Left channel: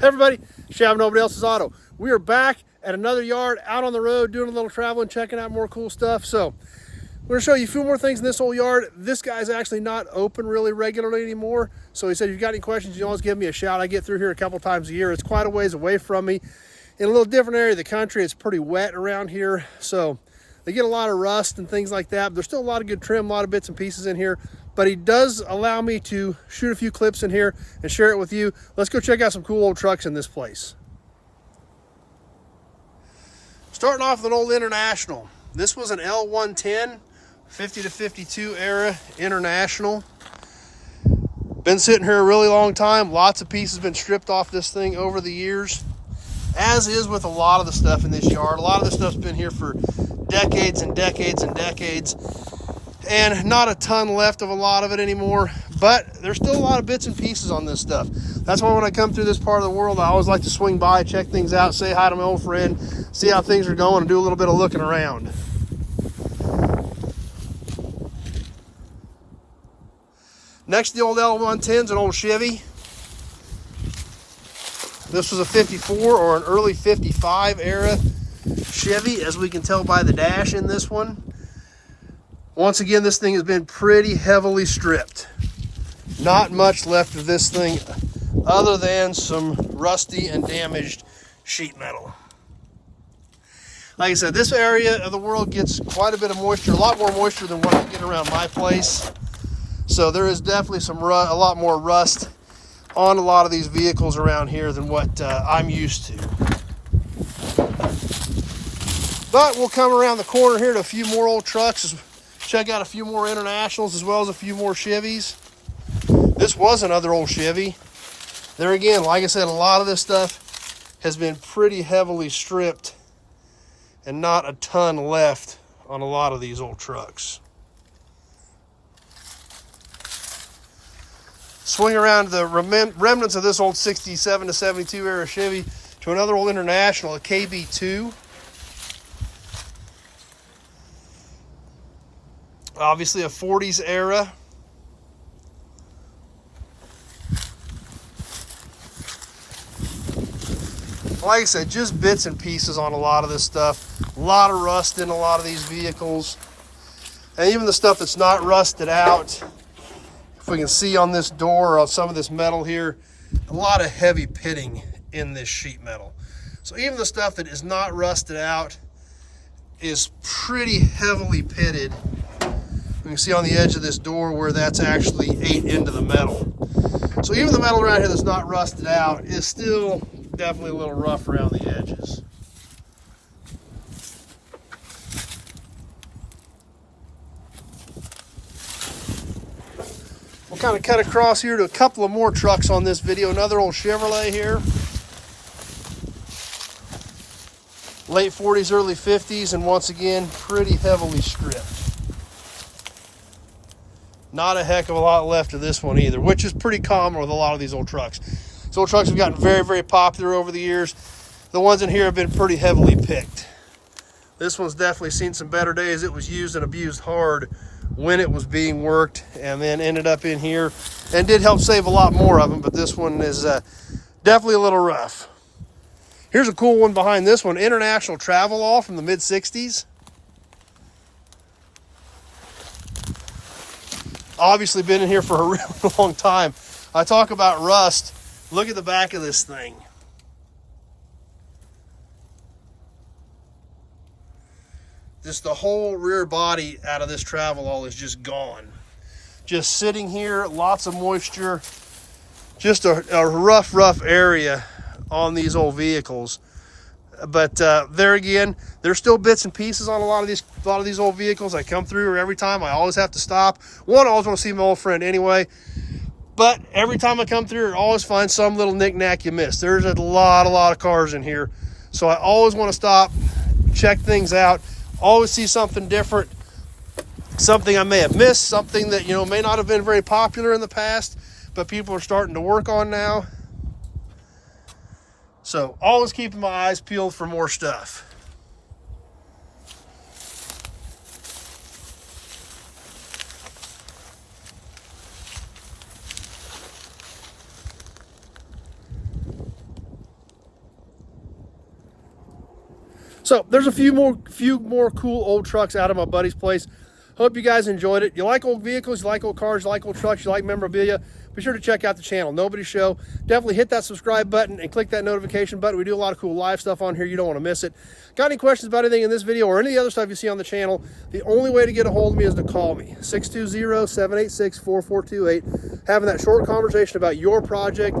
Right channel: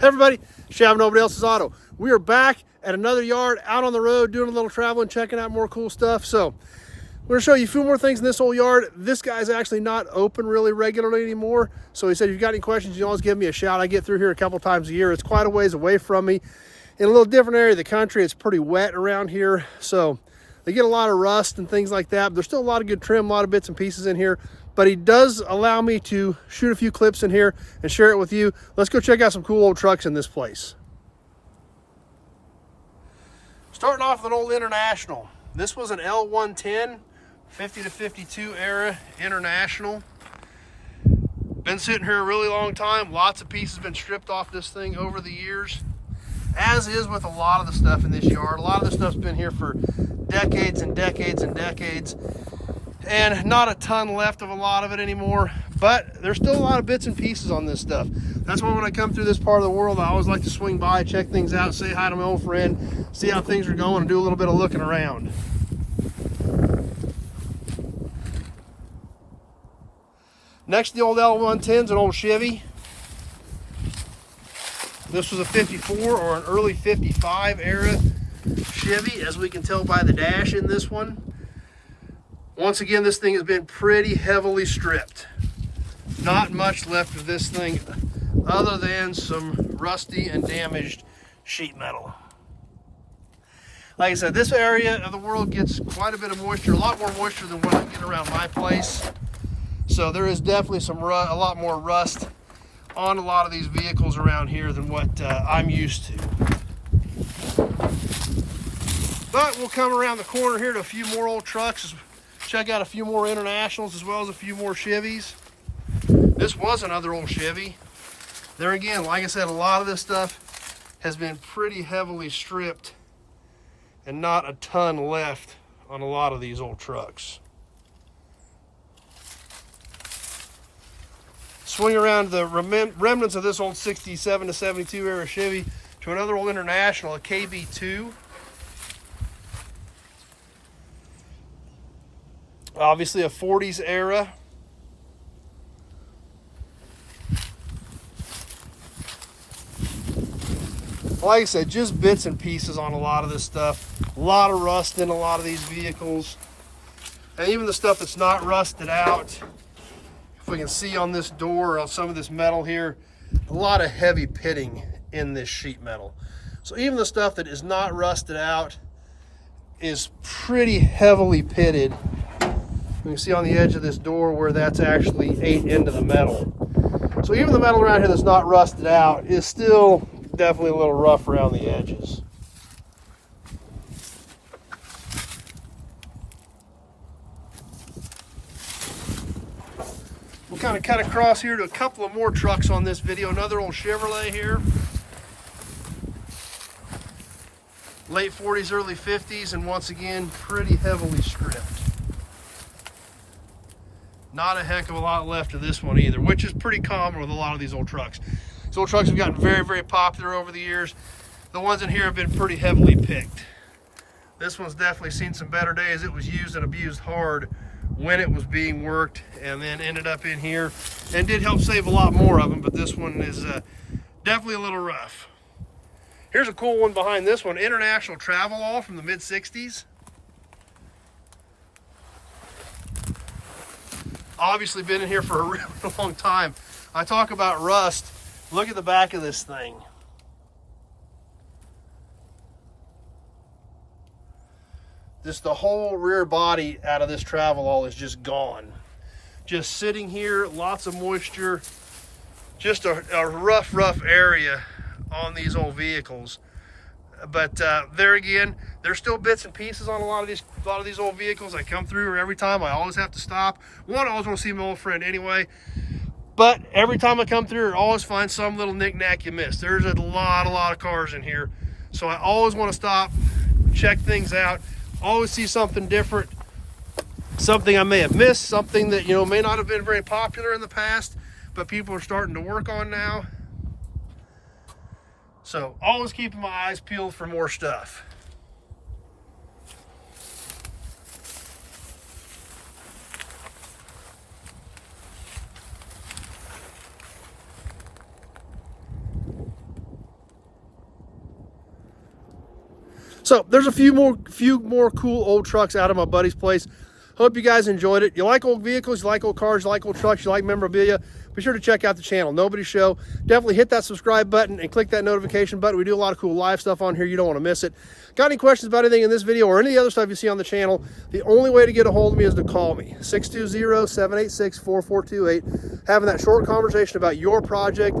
Hey everybody, Chevy Nobody Else's Auto. We are back at another yard, out on the road, doing a little traveling, checking out more cool stuff. So we're gonna show you a few more things in this old yard. This guy's actually not open really regularly anymore. So he said, if you've got any questions, you always give me a shout. I get through here a couple times a year. It's quite a ways away from me. In a little different area of the country, it's pretty wet around here. So they get a lot of rust and things like that. But there's still a lot of good trim, a lot of bits and pieces in here. But he does allow me to shoot a few clips in here and share it with you. Let's go check out some cool old trucks in this place. Starting off with an old International. This was an L110, 50 to 52 era International. Been sitting here a really long time. Lots of pieces been stripped off this thing over the years. As is with a lot of the stuff in this yard. A lot of this stuff's been here for decades and decades and decades. And not a ton left of a lot of it anymore, but there's still a lot of bits and pieces on this stuff. That's why when I come through this part of the world, I always like to swing by, check things out, say hi to my old friend, see how things are going, and do a little bit of looking around. Next, the old L110's an old Chevy. This was a 54 or an early 55 era Chevy, as we can tell by the dash in this one. Once again, this thing has been pretty heavily stripped. Not much left of this thing other than some rusty and damaged sheet metal. Like I said, this area of the world gets quite a bit of moisture, a lot more moisture than what I get around my place. So there is definitely a lot more rust on a lot of these vehicles around here than what I'm used to. But we'll come around the corner here to a few more old trucks. Check out a few more Internationals as well as a few more Chevys. This was another old Chevy. There again, like I said, a lot of this stuff has been pretty heavily stripped and not a ton left on a lot of these old trucks. Swing around the remnants of this old 67 to 72 era Chevy to another old International, a KB2. Obviously a 40s era. Like I said, just bits and pieces on a lot of this stuff. A lot of rust in a lot of these vehicles. And even the stuff that's not rusted out, if we can see on this door or on some of this metal here, a lot of heavy pitting in this sheet metal. So even the stuff that is not rusted out is pretty heavily pitted. You can see on the edge of this door where that's actually ate into the metal. So even the metal around here that's not rusted out is still definitely a little rough around the edges. We'll kind of cut across here to a couple of more trucks on this video. Another old Chevrolet here. Late 40s, early 50s, and once again, pretty heavily stripped. Not a heck of a lot left of this one either, which is pretty common with a lot of these old trucks. These old trucks have gotten very, very popular over the years. The ones in here have been pretty heavily picked. This one's definitely seen some better days. It was used and abused hard when it was being worked, and then ended up in here and did help save a lot more of them, but this one is definitely a little rough. Here's a cool one behind this one, International Traveall from the mid-60s. Obviously been in here for a really long time. I talk about rust. Look at the back of this thing. Just the whole rear body out of this Travelall is just gone. Just sitting here, lots of moisture. Just a rough area on these old vehicles. But there again, there's still bits and pieces on a lot of these old vehicles. I come through every time. I always have to stop. One, I always want to see my old friend anyway. But every time I come through, I always find some little knick-knack you missed. There's a lot of cars in here. So I always want to stop, check things out, always see something different, something I may have missed, something that, may not have been very popular in the past, but people are starting to work on now. So always keeping my eyes peeled for more stuff. So there's a few more cool old trucks out of my buddy's place. Hope you guys enjoyed it. You like old vehicles, you like old cars, you like old trucks, you like memorabilia, be sure to check out the channel, Nobody Show. Definitely hit that subscribe button and click that notification button. We do a lot of cool live stuff on here. You don't want to miss it. Got any questions about anything in this video or any of the other stuff you see on the channel, the only way to get a hold of me is to call me, 620-786-4428. Having that short conversation about your project,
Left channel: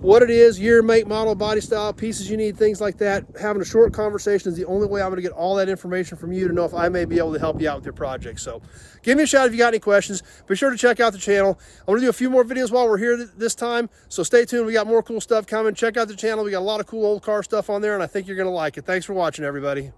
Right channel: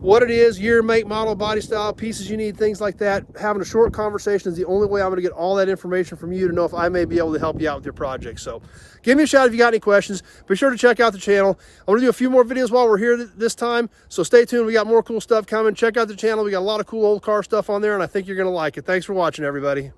what it is, year, make, model, body style, pieces you need, things like that. Having a short conversation is the only way I'm going to get all that information from you to know if I may be able to help you out with your project. So give me a shout if you got any questions. Be sure to check out the channel. I'm going to do a few more videos while we're here this time, so stay tuned. We got more cool stuff coming. Check out the channel. We got a lot of cool old car stuff on there, and I think you're going to like it. Thanks for watching, everybody.